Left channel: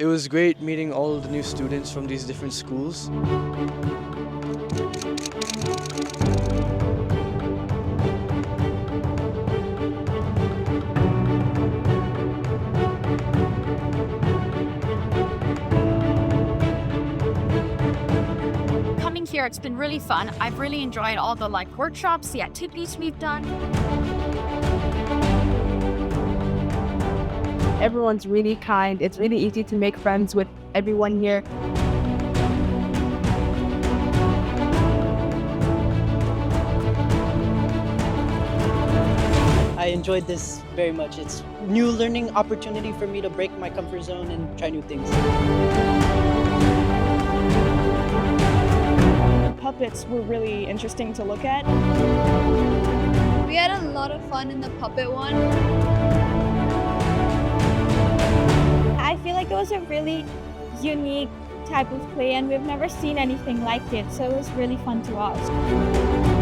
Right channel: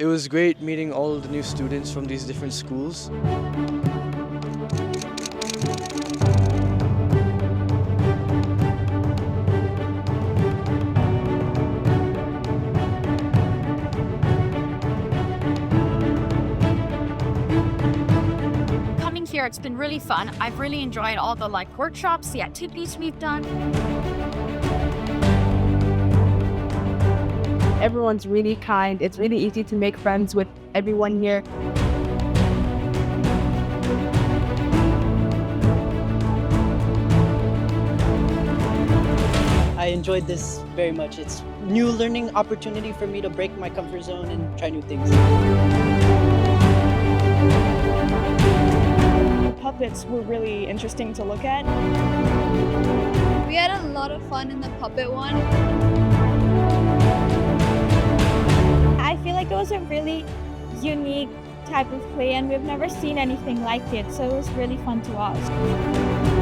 It was great meeting all the new students from these different schools. Coming here, it's been really fun. I've really enjoyed all the workshops, the activities we've done. Everyone's really kind. It's really easy to make friends with everyone here. I enjoyed this very much. It's new learning opportunity for me to break my comfort zone and try new things. The puppets were really interesting to look at. We had a lot of fun in the puppet one. I feel like it was a really unique type of play and we've never seen anything like it, so it was really fun to watch.